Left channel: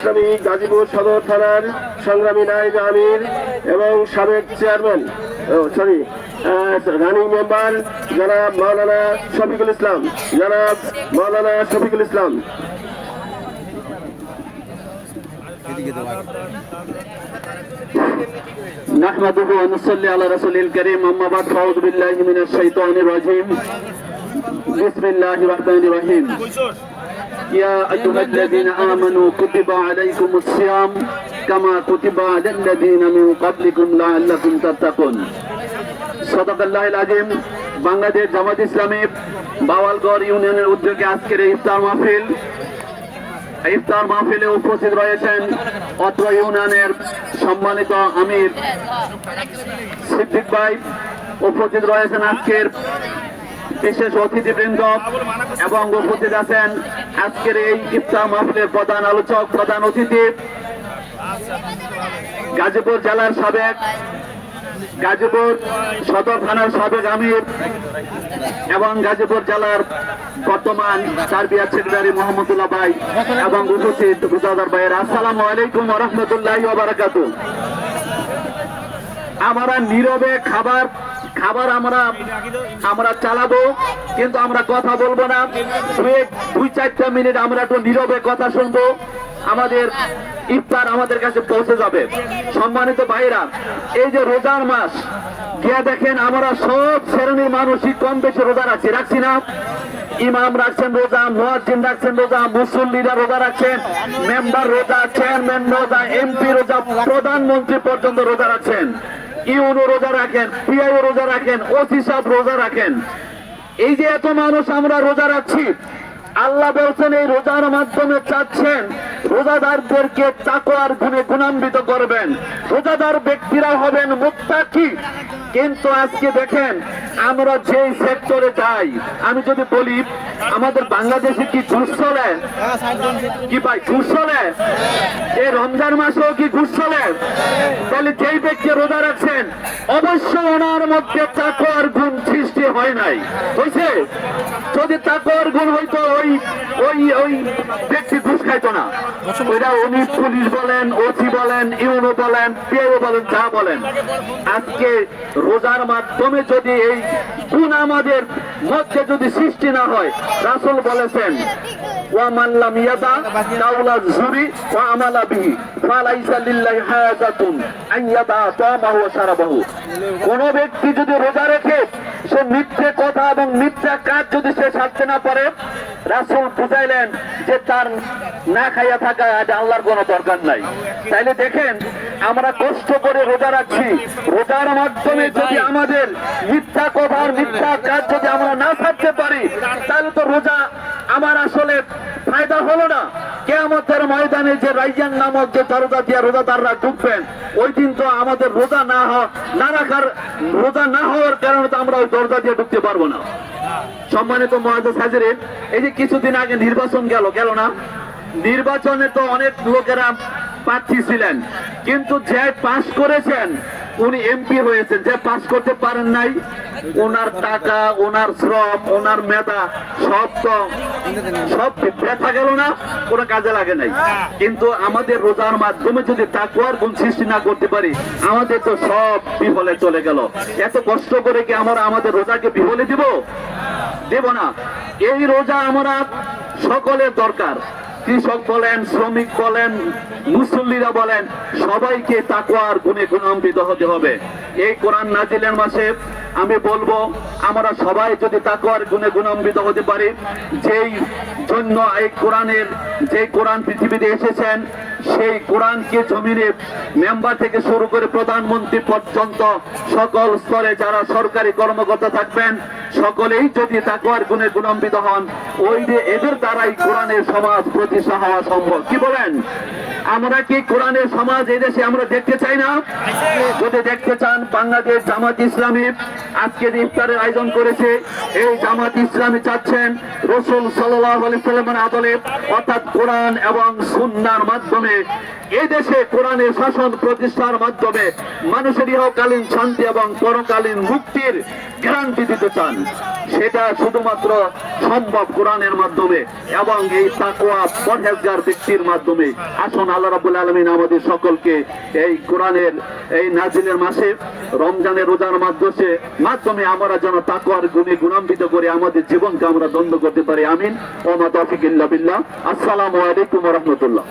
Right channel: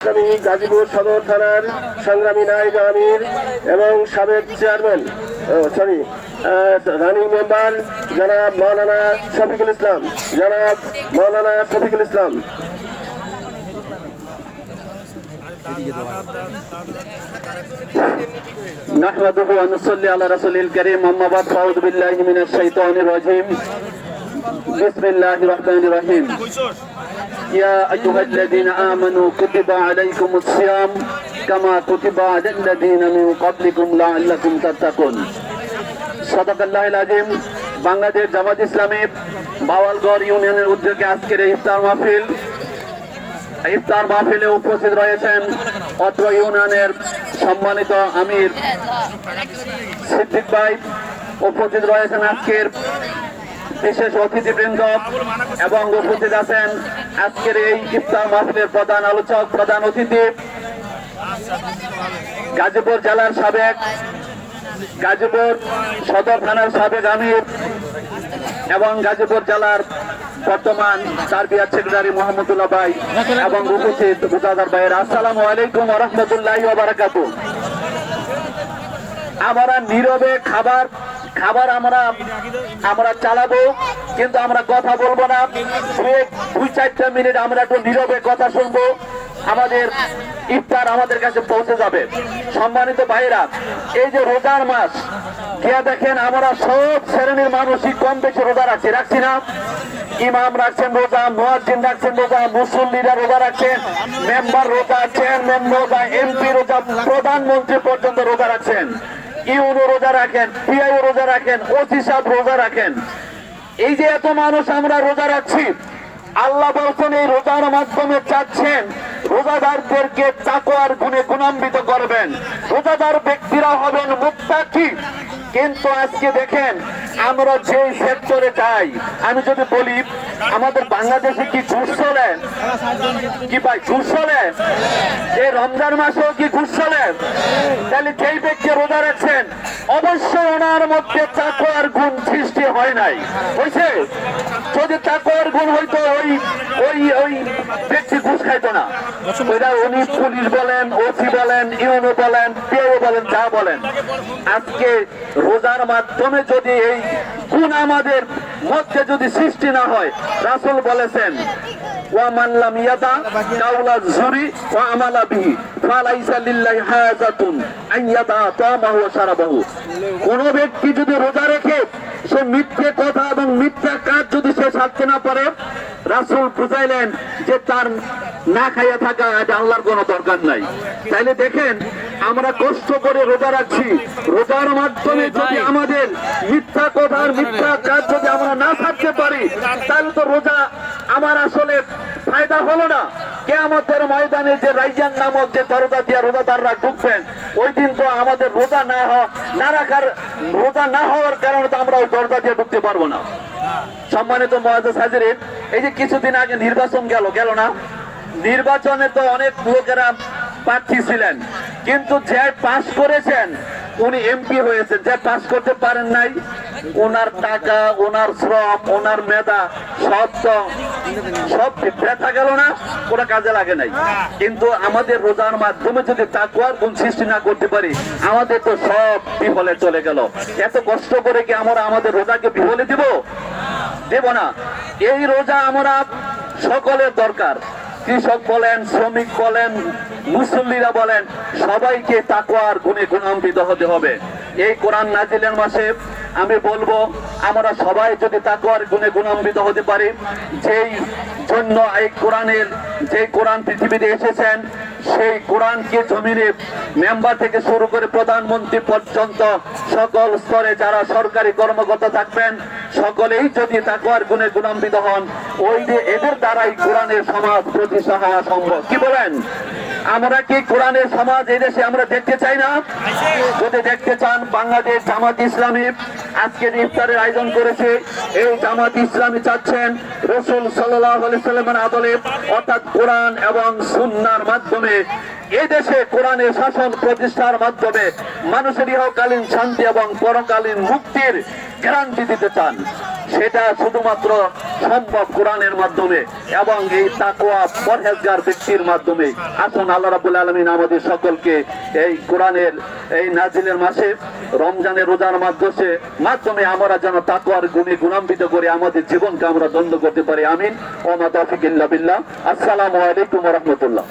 গাজীপুর সদর থানার সংগ্রামী নায়েব আমির এবং সাবেক চেয়ারম্যান রানিং মেম্বার জনাব মাওলানা শফিকুল ইসলাম نحمده ونصلي على رسوله الكريم أما بعد فأعوذ بالله من الشيطان الرجيم بسم الله الرحمن الرحيم يا أيها الذين آمنوا كتب عليكم الصيام كما كتب على الذين من قبلكم لعلكم تتقون صدق الله العظيم বাংলাদেশ জামাত ইসলামী বাওয়ালগড় ইউনিয়নের উদ্যোগে আজকের ইফতার মাহফিলে উপস্থিত রয়েছেন অত্র ইউনিয়নের সম্মানিত আমির সিদ্দিক ভাই, উপস্থিত রয়েছেন আজকের বিশেষ অতিথিবৃন্দ এবং উপস্থিত আছেন আজকের এই ইফতার মাহফিলের প্রধান আলোচক, প্রধান অতিথি গাজীপুর জেলার সাবেক গাজীপুর সদর থানার সাবেক আমির এবং গাজীপুর জেলার বর্তমান তারবিয়াত সেক্রেটারি মোহাম্মদুল্লাহ ভাই এবং উপস্থিত বুজাদার ভাইয়ের আসসালামু আলাইকুম ওয়া রাহমাতুল্লাহি ওয়া বারাকাতুহু। আমরা নীরবে খাবার আমরা চালাবো, কিন্তু আমরা কথা বলবো না। 2-4 মিনিট আমরা একটু নীরবে কথা শুনবো, আমাদের ইফতার আমাদের কাছে পৌঁছে যাবে। সম্মানিত ভাইরা, এই যে রোজার মাস গিয়ে দেখেন আমরা সব শ্রেণীর মানুষই কম বেশি রোজা রাখছি না? ইমাম রাখছেন রোজা, মুয়াজ্জিন রাখছেন রোজা, মুসল্লিরা রোজা রাখছেন, মেম্বার রোজা, চেয়ারম্যান রোজা, এমপি রোজা, প্রধানমন্ত্রী পর্যন্ত রোজা রাখছেন, ইউনো রোজা রাখেন, পিআইও রোজা রাখেন, ওসি সাহেব রোজা রাখেন। এই যে এত মানুষ আমরা রোজা রাখছি, আল্লাহ বলছেন এই রোজার মাধ্যমে চাচ্ছেন রোজাদারদেরকে তাকওয়ার গুণে গুণান্বিত করবেন, রোজাদার ব্যক্তিরা হবেন মুত্তাকি। কিন্তু আজকে দেখেন আমরা যে সেক্টরে যাই, আমি যদি বলি আমাদের বাংলাদেশে কি ঘুষ চলে? কি ভাই ঘুষ চলে? এই রমজান মাসেও কি ঘুষ চলে? তাহলে যেই ব্যক্তি রোজা রাখছেন অবশ্যই ওনার মধ্যে তাকওয়ার গুণ সৃষ্টি হয় নাই, হয়েছে? যদি তাকওয়ার গুণ হইতো ওই ব্যক্তি ঘুষ খাইতো না। ওইটা উনি পুলিশ বলেন, ওসি বলেন, ইউনো বলেন, পিও বলেন, যা বলেন। আজকে রোজার মাধ্যমে যদি এই গুণ আমাদের মধ্যে যদি সৃষ্টি না হয়, রাসূল বলেছেন ওয়ামান লাম ইয়াদা কাওলা যুরি ওয়া আমালা বিহি ফালাইসা লিল্লাহি হাজাতুন আন ইয়াদা তামাহু ওয়া শারাবাহু। কোন ব্যক্তি যদি রোজা রেখে সে মিথ্যে কথা এবং মিথ্যা কাজ যদি সে ছাড়তে না পারে, রাসূল বুঝাইলেন যে তার না খাইয়া থাকা আল্লাহর কোনো দরকার নাই। তাইলে দেখেন আমরা কষ্ট করে রোজা রাখছি, রোজার মাধ্যমে যদি আমাদের মিথ্যা কথা মিথ্যা কাজ যদি আমরা না ছাড়তে পারি, তাহলে তো রোজা আমার আসলে ফায়দা হলো না। কিয়ামতের ময়দানে যে রাইজান নামক যে দরজা দিয়ে রোজাদাররা ঢুকবেন, ওই দিন তো আমাদের রোজা না হওয়ার কারণে তো আমরা ওই দরজা দিয়ে ঢুকতে পারবো না। সম্মানিত মুআজ্জাজ হাজিরিন, এই যে কিছুদিন আগে নির্বাচন গেল না, নির্বাচনে তো অনেক লোকেরা প্রার্থী ছিলেন, কিন্তু যে পাস করেছেন উনি এমপি হয়েছেন, যে পাস করতে পারেন নাই ওনার টাকা, ওনার শ্রম, ওনার মেধা সব ব্যথা গেল না, কোনো কাজে লাগে নাই। কিন্তু আমাদের রোজার মাধ্যমে যদি তাকওয়ার গুণ সৃষ্টি না করতে পারি, আমাদের তো সব বিফলে চলে গেল। এত কষ্ট করে কি আমরা আমাদের রোজাকে বিফলে দেব না? এই রোজা আমরা সকলের দরকার। কৃষক বলেন, শ্রমিক বলেন, মুসল্লিরা বলেন, সবাইকে তাকওয়ার গুণে গুণান্বিত হতে হবে। এই কোরআন নাজিলের মাসে আমি বলবো আমরা সবাই যদি তাকওয়ার গুণে গুণান্বিত হতে পারি, যেই জন্য এই কোরআন পৃথিবীতে এসেছেন, সেই কোরআনকে জমিনে মেম্বার থেকে শুরু করে প্রধানমন্ত্রী পর্যন্ত সকল স্তরে যারা সরকারি কর্মকর্তা থাকবেন, সকলেই যদি তাকওয়ার গুণে গুণান্বিত হন, ওই যে এদের দ্বারাই কোরআনের সমাজ প্রতিষ্ঠা হওয়া সম্ভব। কি বলেন? আমরা কি কোরআনের সমাজ এই দেশে আমরা দেখতে চাই না? যদি দেখতে চান, বাংলাদেশ জামাত ইসলামী আজকে ইফতারের আয়োজন করেছে। এই জামাত ইসলামী চাচ্ছেন রাসূল সাল্লাল্লাহু আলাইহি সাল্লামের আদলে অর্থাৎ কোরআন এবং সুন্নাহর মাধ্যমে এই দেশে কোরআনের শাসন প্রতিষ্ঠার মাধ্যমে মানুষের ইহকালীন শান্তি এবং পরকালীন মুক্তির গ্যারান্টি দিতে চান। সেটা শুধুমাত্র সম্ভব কোরআনের মাধ্যমে এবং এই তাকওয়া পরহেজগার ব্যক্তির মাধ্যমে। আসুন আল্লাহ রাব্বুল আলামিন আমাদের সকলকে এই কোরআনের এই নাজিলের মাসে রমজানের রোজার মাধ্যমে আমরা যেন তাকওয়ার গুণে গুণান্বিত করে আমাদের জীবনকে আমরা দ্বন্দ্ব করতে পারি। আমিন। ওয়া মা তাওফিক ইল্লা বিল্লাহ। আসসালামু আলাইকুম ওয়া রাহমাতুল্লাহ।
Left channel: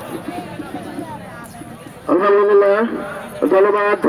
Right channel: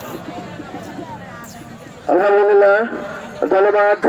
আলহামদুলিল্লাহ, ধন্যবাদ।